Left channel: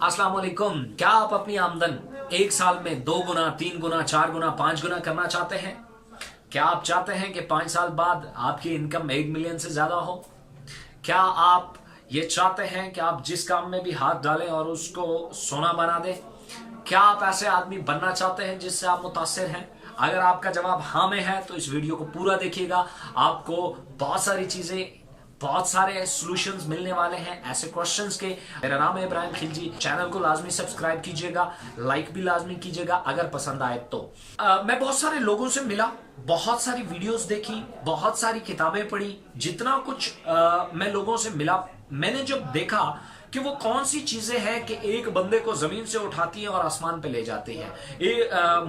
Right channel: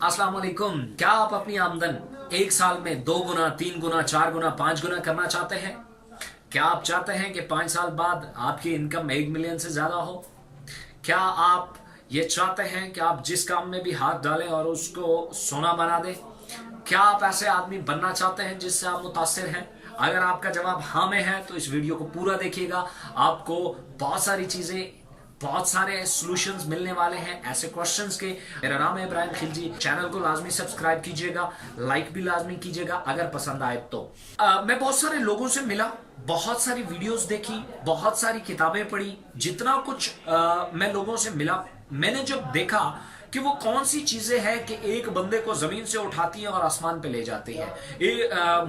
अस्सलाम वालेकुम। क्या आप अपनी आमदन एक साल में 2 गुना, 3 गुना, 4 गुना, 5 गुना करना चाहते हैं? क्या आप चाहते हैं कि 5 साल बाद आपकी इनकम 1 मिलियन से ज्यादा हो? क्या आप ये चाहते हैं कि आप जिस काम में भी हाथ डालें और उसको सोना बना दें? क्या आप ऐसे आदमी बनना चाहते हैं जिससे आप मुतासिर हैं? अगर आपका जवाब हाँ में है तो इस वीडियो को पूरा देखिएगा। आपको बहुत सारी चीजें, बहुत सारे सॉल्यूशंस मिलने वाले हैं ऐसे क्वेश्चंस के। मेरा नाम है इब्राहिम खिलजी। चैनल को लाजमी सब्सक्राइब कीजिएगा, लाइक भी लाजमी कीजिएगा अगर पसंद आए तो। मैं बहुत सारे लोगों से मिला, बहुत सारी वीडियोस देखी, बहुत सारी किताबें पढ़ी। जितना कुछ मैं लोगों से मिला, मैंने जब देखा कि वो कौन सी चीजें हैं कि एक बंदे को जमीन से उठाती हैं और आसमान पे ले जाती हैं।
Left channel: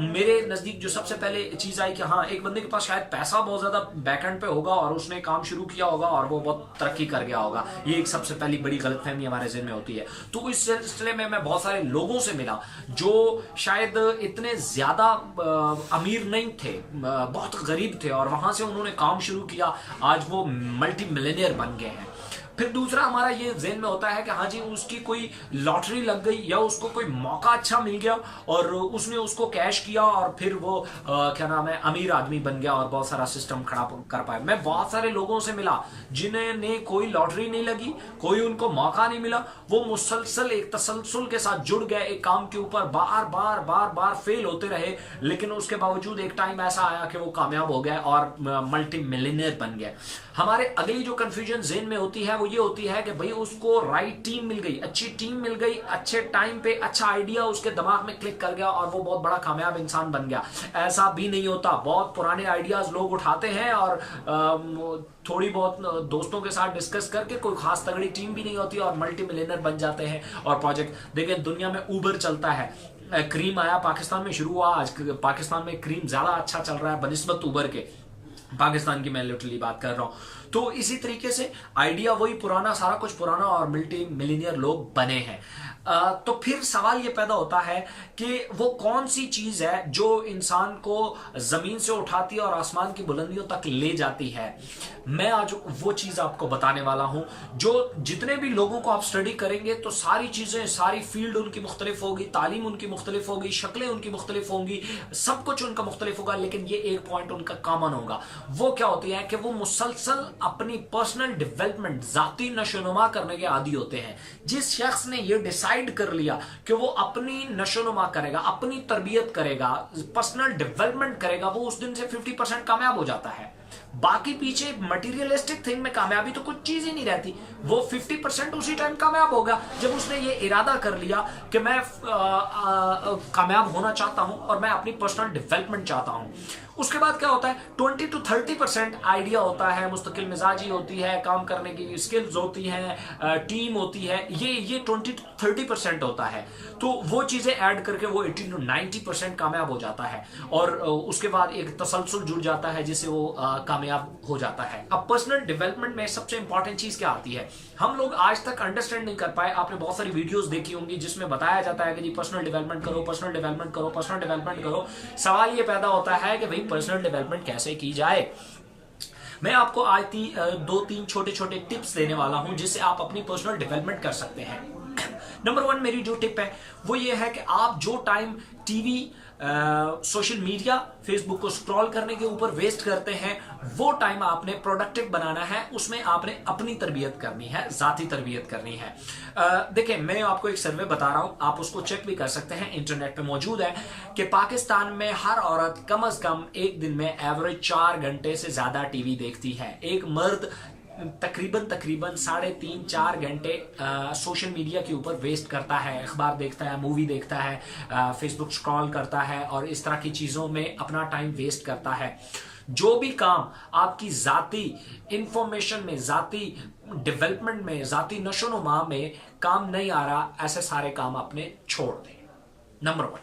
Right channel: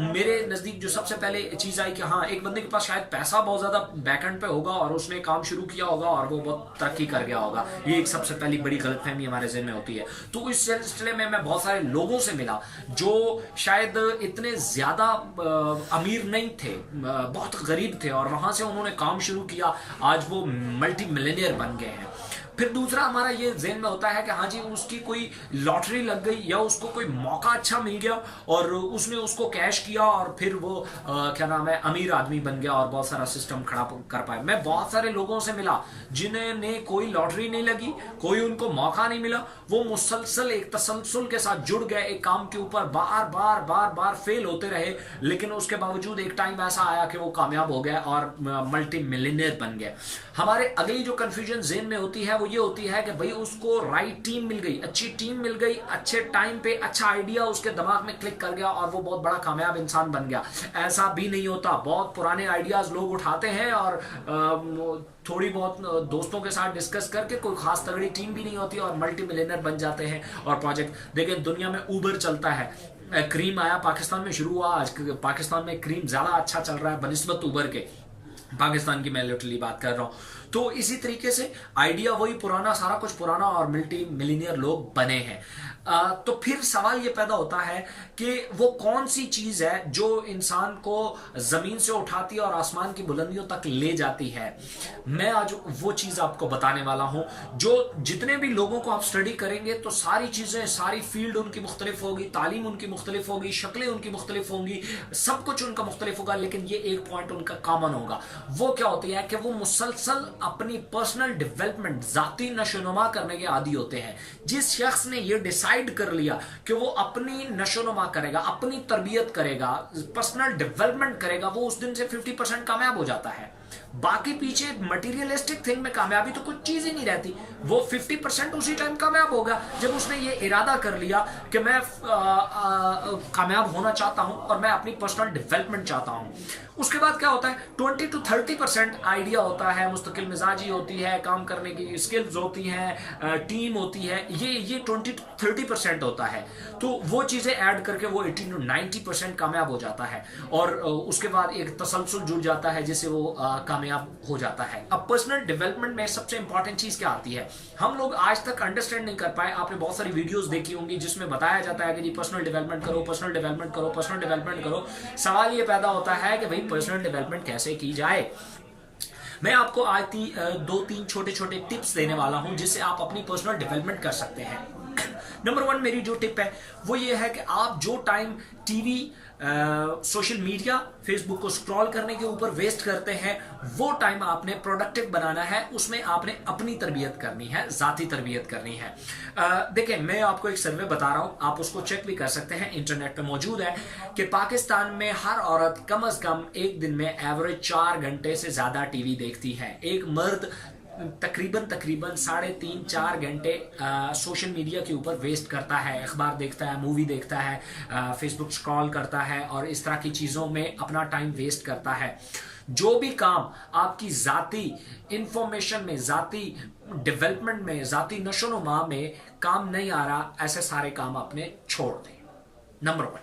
मेरे नजदीक जो सबसे पहले चीज आई कि हाँ, एक बंदे के पास शायद पैसा बहुत ज्यादा बैकएंड पे होगा और उसने काम शुरू किया होगा और वो बहुत तरक्की कर गया होगा। ये एक सबसे पहली बड़ी गलतफहमी हमारे ज़हन में होती है। तो इस सिलसिले में मैं बहुत सारे लोगों से मिला जो शायद इतने ज्यादा अमीर नहीं थे, बहुत गरीब थे, और वहां से उन्होंने काम शुरू किया, आज वो मल्टी मिलियनियर बन गए हैं। फिर दूसरा हमारा ये ज़हन में होता है कि हाँ जी, उसकी कोई लॉटरी लग गई या उसको कोई मौका अच्छा मिल गया और उसने उसको कैश किया और फिर वो क्या नाम है, अमीर आदमी बन गया और बहुत सारा सिस्टम खड़ा कर पाया। मैं बहुत सारे लोगों से मिला जिन्हें कोई लॉटरी नहीं लगी, कोई उनको मौका नहीं मिला, वो मुसलसल एक तसलसल के साथ जुड़ गए एक काम के ऊपर, बार बार बार बार फेल होते रहे, लेकिन उसके बावजूद एक टाइम ऐसा आया कि वो कामयाब हो गए और मल्टी मिलियनियर बन गए। हमारे अगली जो कंफ्यूजन ज़हन में होती है वो ये होती है कि भाई उसको राइट टीम मिल गई, अच्छी टीम मिल गई, अच्छे टाइम पे अच्छा आइडिया उसके दिमाग में क्लिक कर गया और वो बहुत बड़ा कामयाब इंसान बन गया। ऐसा भी नहीं होता। बहुत पुराने आइडियाज लोग उठाते हैं और थोड़ी बहुत दोस्तों के साथ डिस्कस करके, कोई खास तगड़ी टीम भी नहीं होती और मल्टी मिलियनर बन जाते हैं। और प्रोजेक्ट देखिए, दुनिया में उबर चलता है, क्रीम आया, पाकिस्तान में शुरू हुआ, आज पाकिस्तान में क्रीम ज्यादा अच्छा चल रहा है बनिस्बत उबर के। पाकिस्तान की मैं लिटरली बात कर रहा हूं। तो इसी तरीके से आइडिया वही पुराना, सारा कुछ पुराना, और मल्टी मिलियनियर लोग बने हैं। तो फिर सवाल ये पैदा होता है कि वो कौन सी चीज है जो इंसान को जमीन से उठाती है और आसमान की बुलंदियों तक ले जाती है। मैं आज वो चीज आपको बताने वाला हूं जो जितने भी लोगों को आप स्टडी करेंगे तो सारी चीजें, सारी फील्ड उनकी मुख्तलिफ होगी, तालीम उनकी मुख्तलिफ होगी, शक्लें उनकी मुख्तलिफ होंगी, सब कुछ उनका मुख्तलिफ होगा, लेकिन ये एक पॉइंट उनका कॉमन होगा। वो क्या होती है कि वो मुसलसल अपनी पर्सनल डेवलपमेंट, जाती नशोनुमा करने के आदी होते हैं। जिस शख्स ने ये डिसाइड कर लिया कि वो अपनी नशोनुमा करेगा, अपनी तरबियत करेगा, पर्सनल डेवलपमेंट करेगा, वो उस दिन से 50% कामयाब हो जाता है। बाकी पीछे मटीरियलिस्टिक थिंग में कामयाबी तो कुछ चीज ही नहीं रहती। वो 50% उसी टाइम कामयाब होगा जब उसने ये इरादा कर लिया कि मैं कामयाब होना चाहता हूं और मैं अपनी पर्सनल डेवलपमेंट चाहता हूं। उसके बाद क्या होता है, 20 to 30% आइडिया होता है, मुस्तकिल मिजाजी होती है, काम करने की स्किल्स होती हैं, टीम होती है, ये 20 to 30% होता है। तो वो चीजें ऐड करके वो 80 to 90% कामयाब हो जाता है और उसके बाद एक तसलसल जुड़ जाता है जिससे वो कामयाब हो जाता है। अब पर्सनल डेवलपमेंट में सबसे इंपॉर्टेंट चीज क्या आती है, हम लोग आज तक अंडरस्टैंड नहीं कर पाए। आपने बहुत सारी वीडियोस देखी होंगी जिसमें बताया जाता है कि जी पर्सनल डेवलपमेंट करो, पर्सनल डेवलपमेंट करो, पर्सनल डेवलपमेंट करो। सवाल ये पैदा होता है कि भाई पर्सनल डेवलपमेंट कैसे की जाए। मैं आपको आज 2-3 छोटे छोटे टिप्स देने वाला हूं जिससे आप अपनी पर्सनल डेवलपमेंट कर सकते हैं। नंबर 1 मेरी जो टिप है वो ये है कि आप जो time TV, social media, Facebook को स्क्रॉल करने के ऊपर वेस्ट करते हैं, वो टाइम आपने प्रोडक्टिव बनाना है। उसमें आपने अपनी तरबियत करनी है, जाती तरबियत करनी है। देखें, मैं आपको एक सर्वे बता रहा हूं, आप उसको चेक भी कर सकते हैं, इंटरनेट पे मौजूद है, कि पाकिस्तान में हर औरत कम से कम एक दिन में एवरेज 4 घंटे से ज्यादा टीवी देखती है। एक मर्द तकरीबन 3.5-4 घंटे सोशल मीडिया के ऊपर वेस्ट करता है, अखबार देखता है, मूवी देखता है, फेसबुक स्क्रॉल करता है और इस तरह की चीजों में अपना टाइम वेस्ट करता है। जो भी काम आपकी जाती इंफॉर्मेशन में, जाती डेवलपमेंट में, जाती नशोनुमा में काम नहीं आ रहा, ऐसे सारे काम आपने छोड़ दें। नंबर 1।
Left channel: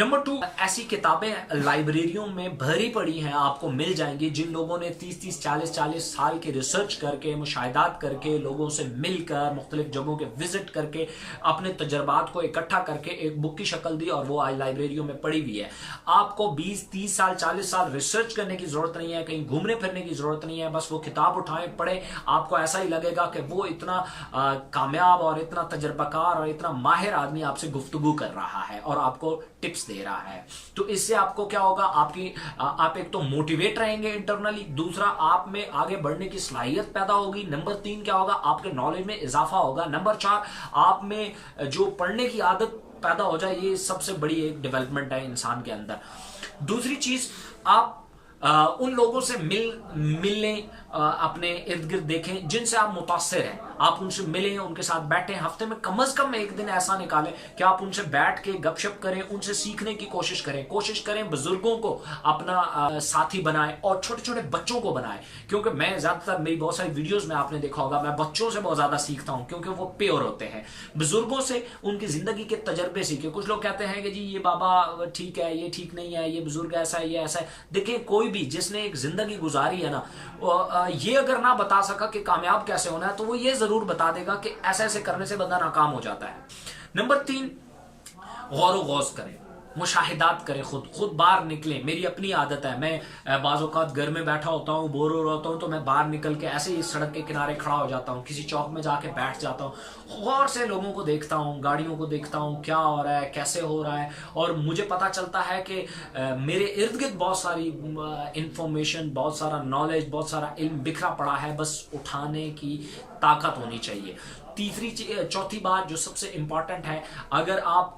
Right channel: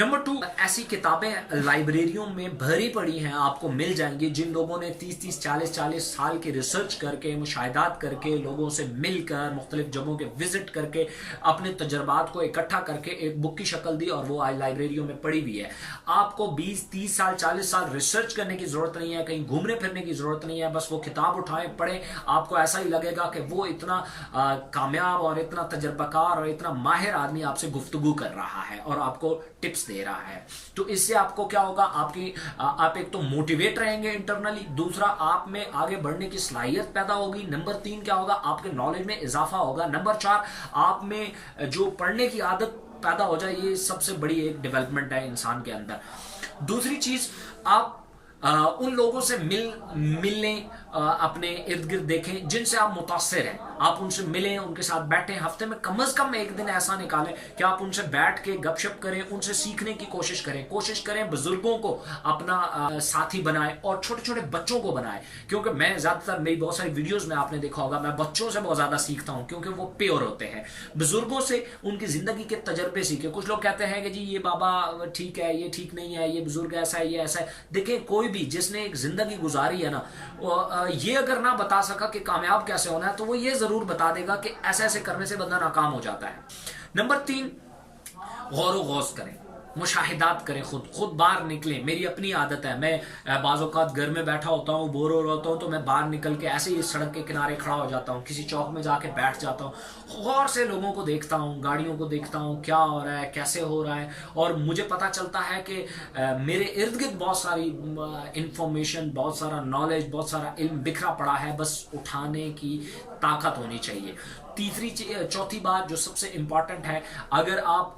नंबर 2, ऐसी किताबें लाइब्रेरियों में भरी पड़ी हैं, आपको मिल जाएंगी, जिन लोगों ने 30-30, 40-40 साल की रिसर्च करके, मुशाहिदात करके, लोगों से मिलकर, मुख्तलिफ जगहों के विजिट करके, अपने तजर्बात को इकट्ठा करके एक बुक की शक्ल दी और वो आज लाइब्रेरियों में पड़ी हुई है। आपको 20-30 साल, 40 साल रिसर्च करने की जरूरत नहीं है, कहीं घूमने फिरने की जरूरत नहीं है, बस वो किताब उठाएं, पढ़े, आपको ऐसा ही लगेगा कि वो इतना कामयाब और इतना तजर्बाकार और इतना माहिर आदमी आपसे गुफ्तगू कर रहा है और आपको टिप्स दे रहा है। तो इससे आपको क्या होगा, आप एक तो मोटिवेट रहेंगे इंटरनली, दूसरा आप में आगे बढ़ने की सलाहियत पैदा होगी, नंबर 3 क्या होगा, आपके नॉलेज में इजाफा होगा, नंबर 4 आप में जो पढ़ने की आदत पैदा हो जाए, ये सबसे बड़ी एक डेवलपमेंट है इंसान के अंदर। दूसरी चीज, आप उन लोगों से मिलने, अपने इर्द गिर्द देखें जिनसे आप मुतासिर हैं, आप उनसे मिलें, उनके साथ बैठें, हफ्ते में कम से कम एक दिन ऐसा निकालें कि आप उनसे बैठ के गपशप करें, उनसे सीखने की कोशिश करें, बुजुर्गों को अपना साथी बनाएं और छोटे छोटे बच्चों को बनाएं। क्योंकि मैं ज्यादातर, मेरी बहुत सारी वीडियोस में आपने देखा होगा, मैं बच्चों से बहुत ज्यादा सीखता हूं क्योंकि वो प्योर होते हैं। बुजुर्गों से उनकी जिंदगी के तजर्बे सीखे। कुछ लोग कहते हैं कि जी ये बाबा ठीक है, ये ठीक नहीं है, ये बुजुर्ग ऐसा है, ये ऐसा है। देखें, कोई भी जिसने एक जिंदगी गुजारी है ना, ये अगर ना बता सका कि कामयाब कैसे होना है, तो वो ये जरूर बता देगा कि ऐसे ऐसे करने से बंदा नाकाम हो जाता है। नंबर 3, गौर गौज करें, मुशाहिदात करें, खुद बाहर निकलें। मेरी अपनी आदत है, मैं बाज़ औक़ात घर में बैठा होता हूँ, बोर हो रहा हूँ, तो मैं बाहर निकल के ऐसे ही सड़क के किनारे खड़ा हो जाता हूँ, किसी चौक में जाके बैठ जाता हूँ, गौर से लोगों को देखता हूँ, गाड़ियों को देखता हूँ, क्या हो रहा है, कैसे हो रहा है, और मुझे पता चलता है कि मेरे इर्द गिर्द बहुत सारी इंफॉर्मेशन, बहुत सारा नॉलेज, बहुत सारा इल्म बिखरा पड़ा है, बस उठाने की ताकत होनी चाहिए। चौथी बात जो सबसे इंपॉर्टेंट है, अगर आप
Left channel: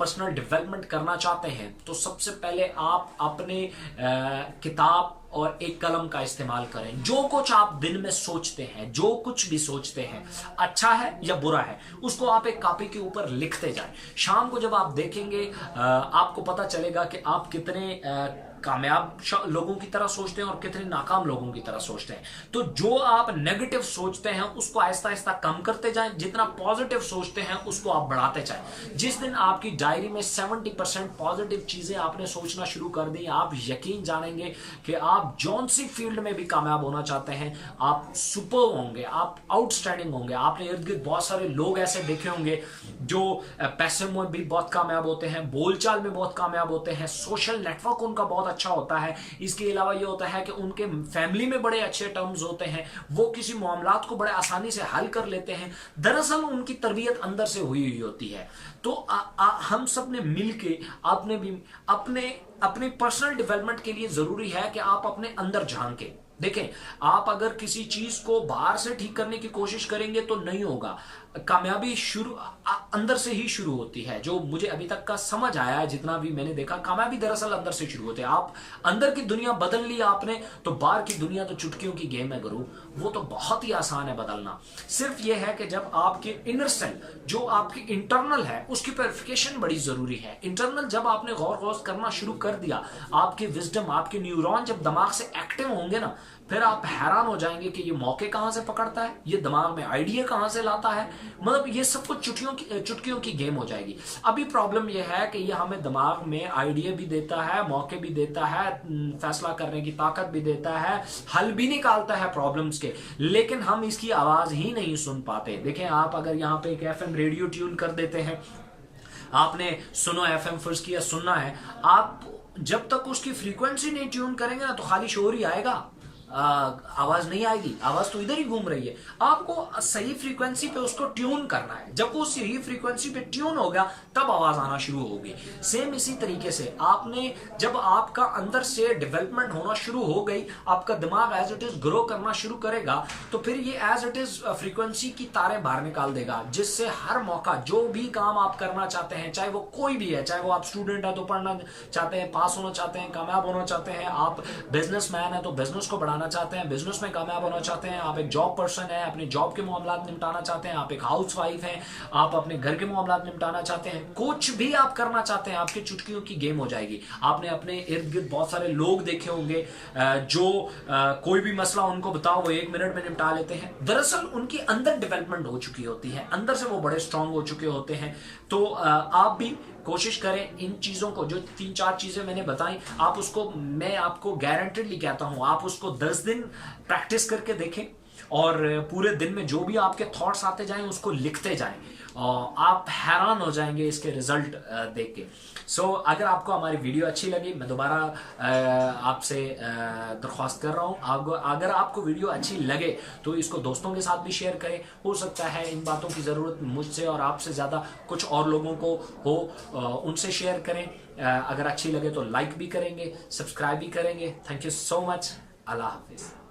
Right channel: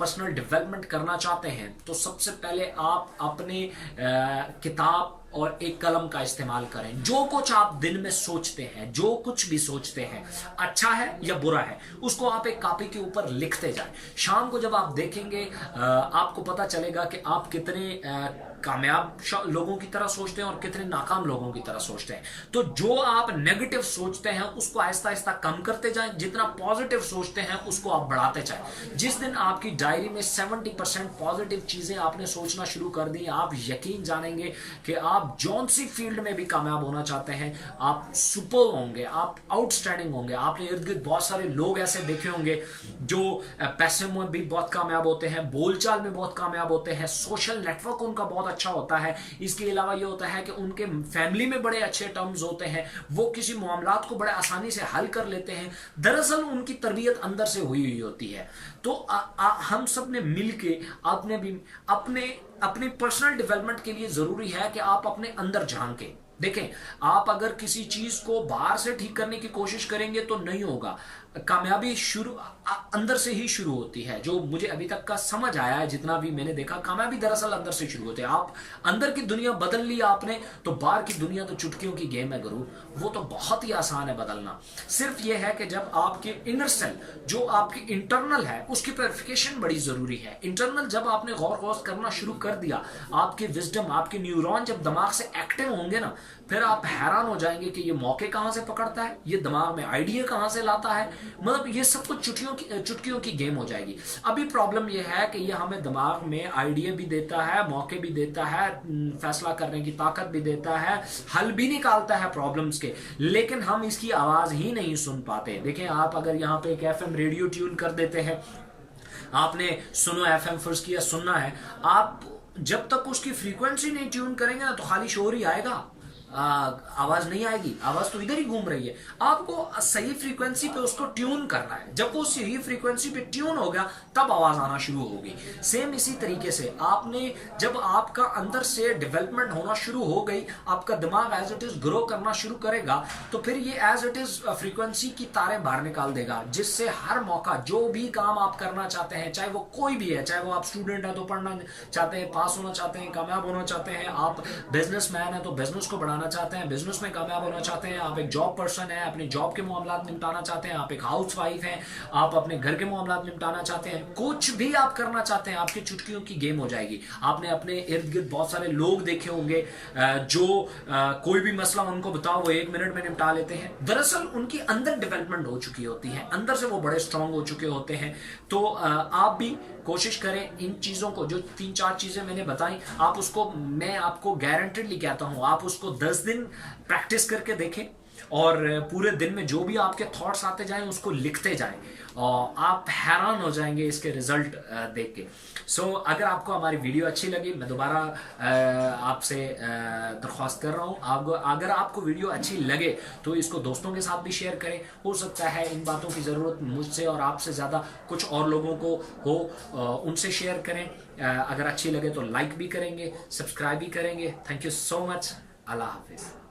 पर्सनल डेवलपमेंट करना चाहते हैं तो सबसे पहले आप अपने किताब और एक कलम का इस्तेमाल करें। जो कुछ आप दिन में सोचते हैं, जो कुछ भी सोचते हैं, अच्छा है या बुरा है, उसको आप एक कॉपी के ऊपर लिखते जाएं। शाम को जब आप देखेंगे, आपको पता चलेगा कि आप कितने कामयाब लोगों की तरह सोचते हैं और कितने नाकाम लोगों की तरह सोचते हैं। तो जो आप नेगेटिव सोचते हैं उसको आहिस्ता आहिस्ता कम करते जाएं, जितना पॉजिटिव सोचते हैं उसको आप बढ़ाते जाएं। जिस दिन आपकी डायरी में 70% पॉजिटिव चीजें आपने सोचना शुरू कर दी, आप यकीन जानेंगे कि आप जौन सी फील्ड में भी कामयाब होना चाहते हैं, आप सुपर होंगे, आप आउटस्टैंडिंग होंगे। आपने इर्द गिर्द बहुत सारे लोग ऐसे देखे होंगे जो पैसे में भी बहुत कामयाब होते हैं, बोलचाल में बहुत कामयाब होते हैं, सोशल नेटवर्क उनका बहुत अच्छा होता है। इसके अलावा ये होता है कि उनके फैमिली में बड़े अच्छे टर्म्स होते हैं, वो किसी मामलात को बड़े आसानी से हल कर लेते हैं। दरअसल उनकी तरबियत अंदर से हुई हुई होती है। तो हम सब ने मिलके आपने भी अपने पर्सनल डेवलपमेंट के लिए जरूरी है कि आप अपने अंदर झांकें। देखें, आप अगर किसी चीज को बाहर से ठीक करने की कोशिश करेंगे तो नहीं होगा। कामयाबी अंदर से ही शुरू होती है। जो मुझे अभी तक का समझ आया है, जितना भी मैंने देखा, कामयाबी दरअसल अंदर से शुरू होती है। आप अंदर की दुनिया बदल ली आपने, तो बाहर की दुनिया तो चुटकियों की गेम है गुरु, वो तो बहुत ही आसान है बदलना। सिर्फ ये है कि जब आपके इनर सेल, जो आपकी इंटरनल है, उसकी प्योरिफिकेशन बड़ी जरूरी है। इंटरनल जब आपने गौर गौर करना शुरू कर दिया, आपके विजडम, आपके न्यूरॉन जब दिमाग से एक्टिव होंगे ना, फिर आप हैरान हो जाएंगे कि ये मौके कहां से पकड़ता है, ये दिमाग में आइडिया कहां से लाता है। मतलब ये सब कुछ चुटकियों की गेम हो जाएगी। अभी प्रॉब्लम ये है कि ये हमें दिमाग में आइडिया भी देता है, मौके भी देता है, फैसला करने की ताकत भी देता है, हल भी निकालता है प्रॉब्लम्स के, लेकिन हम इसकी आवाज ही नहीं सुन पाते। देखें, आप अगर यहाँ पे एक एफएम रेडियो ट्यून कर देते हैं, आपने सुनो एफएम फर्ज किया, सुनना है, आप जब तक उसकी फ्रीक्वेंसी नहीं ट्यून करेंगे ना, तो खाली शोर ही आएगा, आवाज नहीं आएगी। आवाज तो इधर ही घूम रही है। आपको सही फ्रीक्वेंसी पे उसको ट्यून करना है। जब वो सही फ्रीक्वेंसी पे ट्यून हो गया, तब आवाज आना शुरू होगी। सेम इसी तरीके से आपने, जब आपका अंदर से डेवलपमेंट होना शुरू हो गई, आपका दिमाग एज इट इज ग्रो करना शुरू करेगा, तो फिर ये एज इट इज फ्रीक्वेंसी की तारें बाहर निकाल देगा, जिससे हर मौका, जो भी काम आप करना चाहते हैं, चाहे वो कोई भी है, चाहे वो आप स्टूडेंट है तो पढ़ना चाहते हैं, पास होना चाहते हैं, कामयाब होना चाहते हैं, आप बिजनेसमैन है तो बिजनेस को बढ़ाना चाहते हैं, बिजनेस में कामयाब होना चाहते हैं, आप एक जॉब पर्सन है, अपनी जॉब के मामलात निपटाना चाहते हैं, आप एक हाउस वाइफ हैं, आप अपने घर के मामलात निपटाना चाहते हैं, कुछ भी आप करना चाहते हैं, आपकी चुटकियों की गेम हो जाएगी। आपने अपने इर्द गिर्द बहुत सारे लोग देखे होंगे जो कोई भी मसला उनको बताओ वो 1 मिनट में निपटा लेते हैं। दरअसल उनकी अंदर डेवलपमेंट हो चुकी होती है, अंदर से वो बड़े स्ट्रांग हो चुके होते हैं। तो आप भी कोशिश करें इन चीज़ों को, जो 3-4 चीज़ें मैंने बताई, आप उसको, मैं आपको गारंटेडली कहता हूँ, आप उसको 10 दिन प्रैक्टिस करके देखें और पूरे दिन में जो भी आपके थॉट्स आते जाएं उसको लिखते जाएं। आप हैरान हो जाएंगे इसके रिजल्ट देख के। सो अगर आपको हमारी वीडियो अच्छी लगी, मैं दोबारा आपसे दरख्वास्त कर रहा हूँ, अगर आपको वीडियो अच्छी लगे तो इसको दोस्तों के साथ भी शेयर करें। हो सकता है इन बातों की ज़रूरत मुझसे और आपसे ज़्यादा कुछ और लोगों को हो, उनसे शेयर करें। अगर अच्छी लगे तो लाइक भी करेंगे, सब्सक्राइब भी करेंगे। Thank you so much. अल्लाह हाफिज़।